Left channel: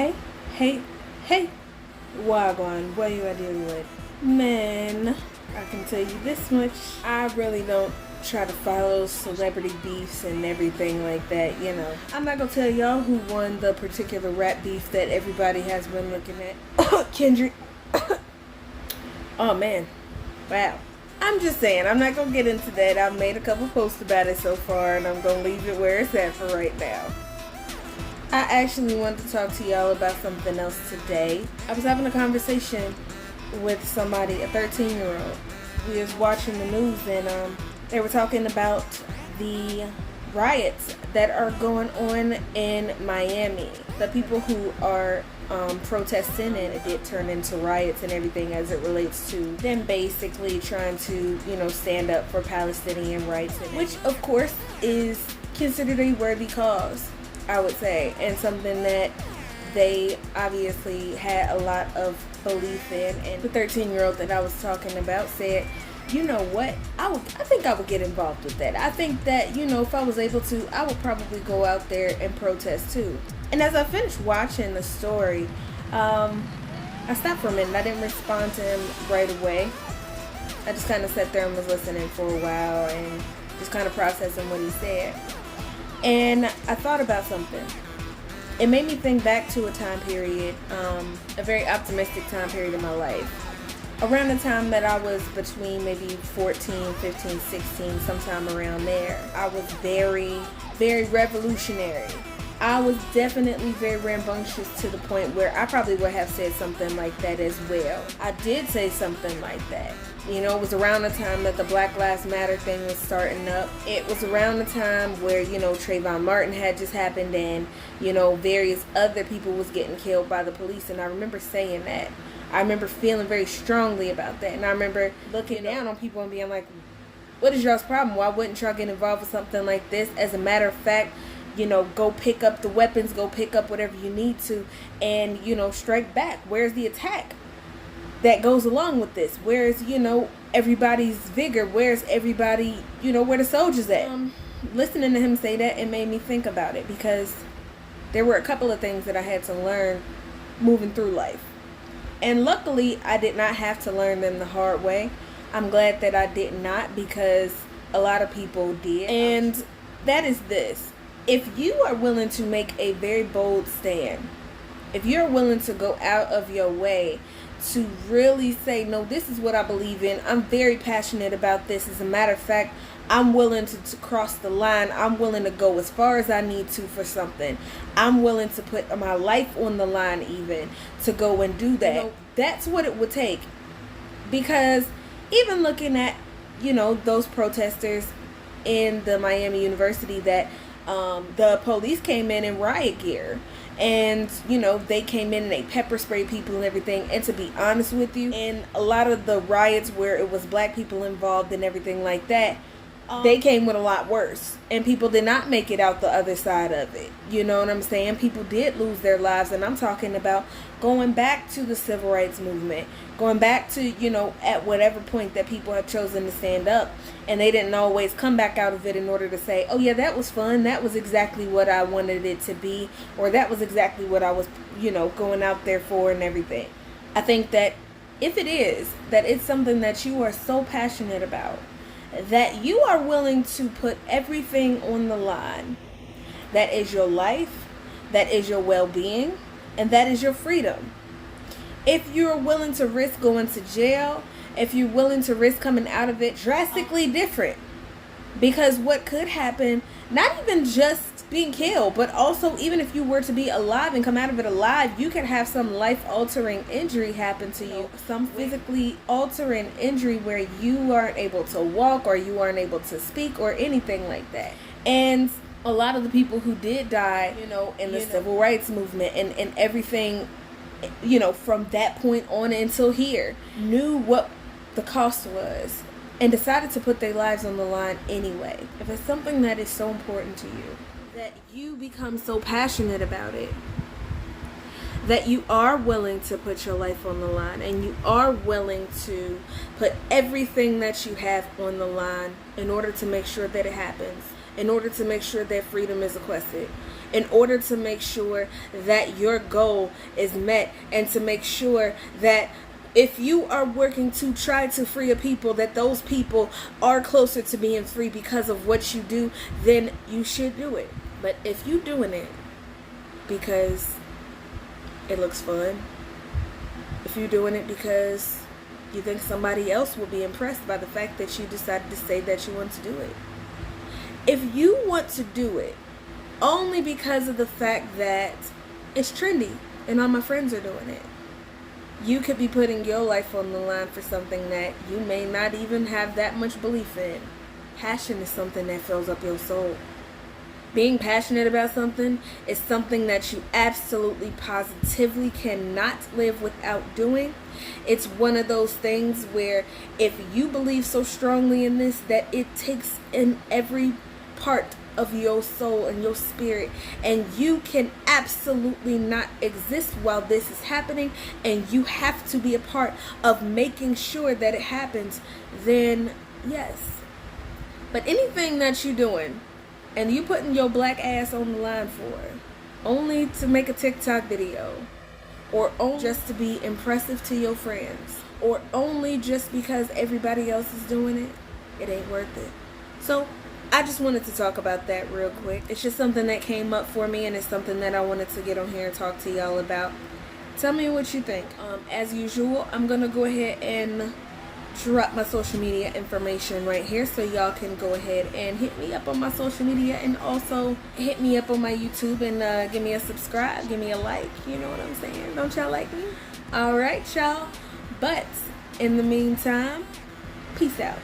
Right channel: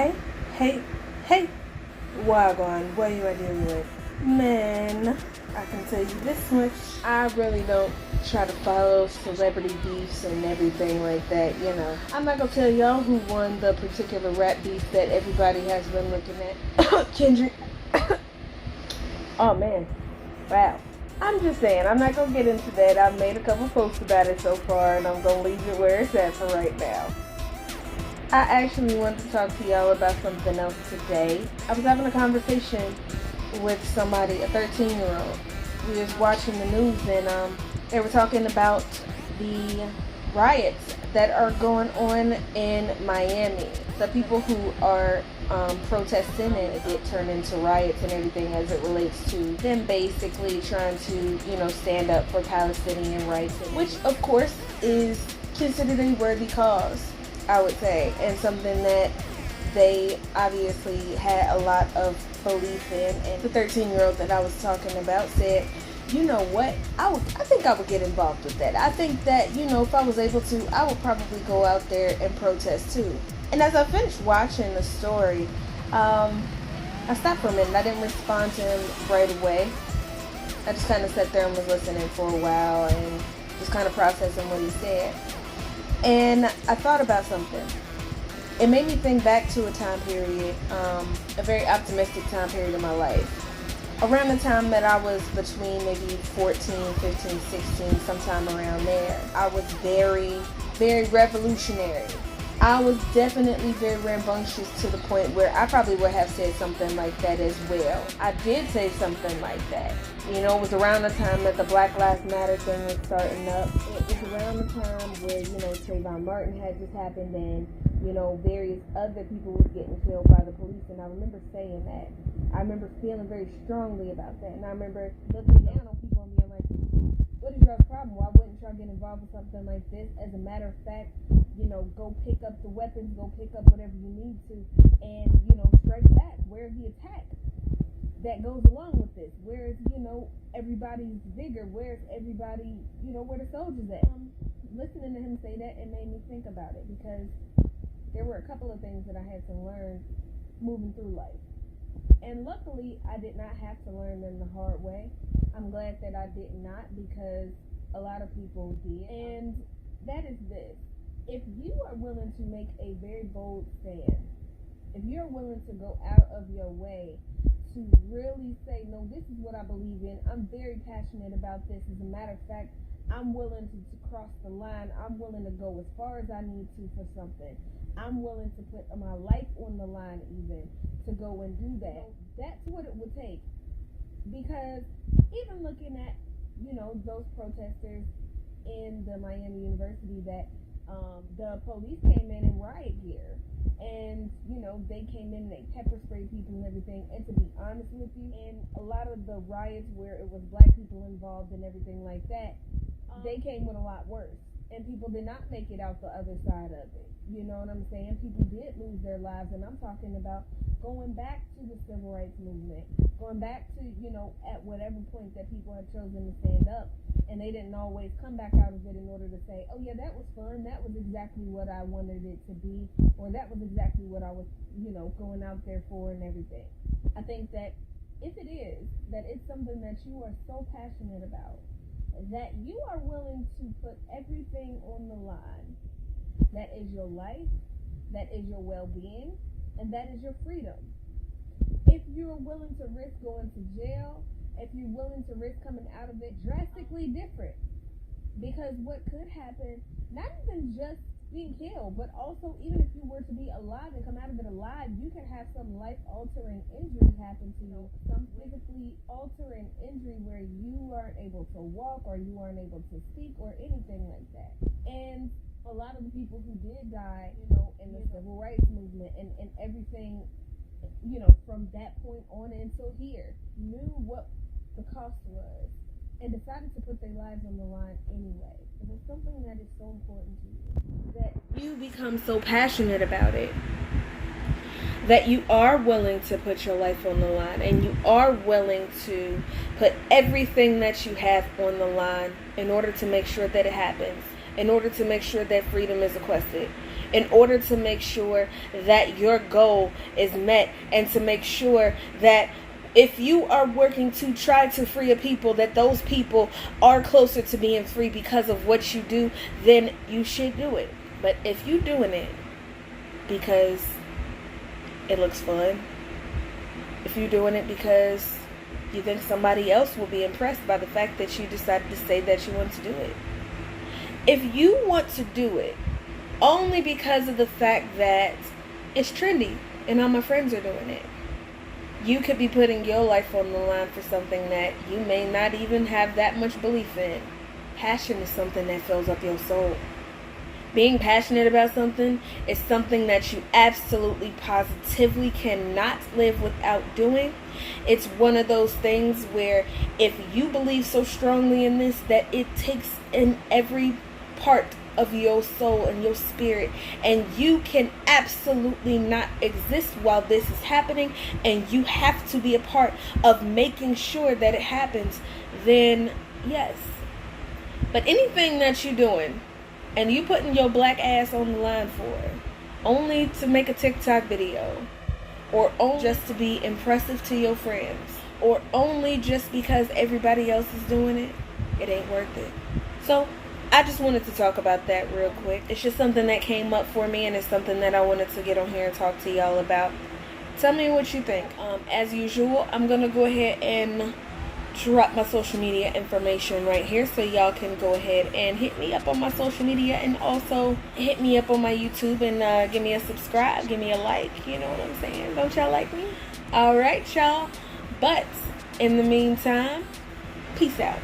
Hey, hey, hey, Wagwan, what you are dealing with? Man, I can tell you this much. I really don't try to follow celebrity beefs and everything like that, you know. I'm not gonna tell y'all who won the particular rap beef that everybody has been looking at. Kendrick. Oh man, wow. I'm just saying, I'm not gonna get into that. I've made a couple posts about it so far, and I'm gonna leave it where it's at for right now. I actually wanted to talk to y'all about something else today. I was having a conversation with somebody, a 13-year-old. We was watching the news and they were talking about the riots that are going on in Miami. The people who are protesting and get turned into riots and everything as it relates to them basically trying to, stand up for Palestinian rights, which of course is considered a worthy cause, I would say, and something that they obviously had a lot of belief in. And the 13-year-old that I was talking about said, you know what, I think I would get involved with that. I think that, if I was able to, I would probably go out there and protest too. And as I finished watching the story, I stopped for a minute. I didn't respond to him right away. I just kind of sat there and was listening for a while and just kind of processing what he said. And I thought about something. It made me think back to a time period, a very optimistic time period in my life. Around the time that I was between maybe 14, 15, 16, sometime around there, I was very, very revolutionary. I was definitely very rambunctious to the point where I probably would have said something like that as well. I did say something like that. It was around the time that the Black Lives Matter thing was starting up. It was around the time where, Trayvon Martin had just happened and, various other people was getting killed by the police. And I remember saying that. I remember feeling very strongly about that. And I remember looking down on people and being like, what is y'all's problem? Why wouldn't y'all get involved with something like this? As a matter of fact, go pick up the weapons, go pick up whatever you need to, and, strike back. Where's the attack that goes along with this? Where's, everybody's vigor? Where's everybody, where the soldiers at? Listening to him say that, it made me think about it because there were a couple of things that I had to learn moving through life. And luckily, I did not have to learn them the hard way. I'm glad that I did not because a lot of people did. And that is this. If you are willing to make a very bold stand, if you're willing to go out of your way to really say, no, this is what I believe in. I'm very passionate about this. As a matter of fact, I'm willing to cross the line. I'm willing to go as far as I need to for something. I'm willing to put my life on the line even to go and do that. That's what it would take. Because even looking at, those protesters in the Miami University that the police came in riot gear. And, they came in and they pepper sprayed people and everything. And to be honest with you, in a lot of the riots where it was black people involved and everything like that, they came with a lot worse. And people did not make it out the other side of it. You know what I'm saying? People did lose their lives. And I'm talking about going back to the civil rights movement. Going back to, at whatever point that people have chosen to stand up. And they didn't always come back out of it in order to say, oh yeah, that was fun. That was exactly what I wanted it to be. Or that was exactly what I was, going out there for and everything. I think that if it is, that it's something that you are so passionate about, that you are willing to put everything on the line. That is your life, that is your well-being, and that is your freedom. If you're willing to risk going to jail, if you're willing to risk coming out of it, drastically different. Because what could happen, not even just being killed, but also even if you were to be alive and come out of it alive, you could have some life-altering injury happen to you. Some physically altering injury where you aren't able to walk or you aren't able to speak or anything like that. And a lot of the people who did die, in the civil rights movement and everything, from that point on until here, knew what the cost was and decided to put their lives on the line anyway. If it's something that is so important to you, that you become so passionate about it, that you are willing to put your life on the line and you are willing to put everything that you have on the line in order to make sure that it happens, in order to make sure that freedom is requested, in order to make sure that your goal is met, and to make sure that if you are working to try to free a people, that those people are closer to being free because of what you do, then you should do it. But if you're doing it because it looks fun, if you're doing it because you think somebody else will be impressed by the fact that you decided to say that you want to do it, if you want to do it only because of the fact that it's trendy and all my friends are doing it, you could be putting your life on the line for something that you may not even have that much belief in. Passion is something that fills up your soul. Being passionate about something is something that you absolutely positively cannot live without doing. It's one of those things where if you believe so strongly in this that it takes in every part of your soul and your spirit, and you can absolutely not exist while this is happening, and you have to be a part of making sure that it happens, then yes. But anything that you're doing and you putting your black ass on the line for, only to make a TikTok video, or only just to be impressive to your friends, or only just because everybody else is doing it, it ain't worth it. So I just wanted to talk about that real quick. It's just something that came up for me, and it's something that I wanted to get on here and talk to y'all about. Tell me what you think. As usual, I'm going to go ahead and drop my social media information right here, so y'all can go ahead and hit me up on my social media, and also hit me up on my YouTube, and give me a subscribe, give me a like, you know what I'm saying? Don't y'all like me? Alright, y'all. But in the meantime, peace out.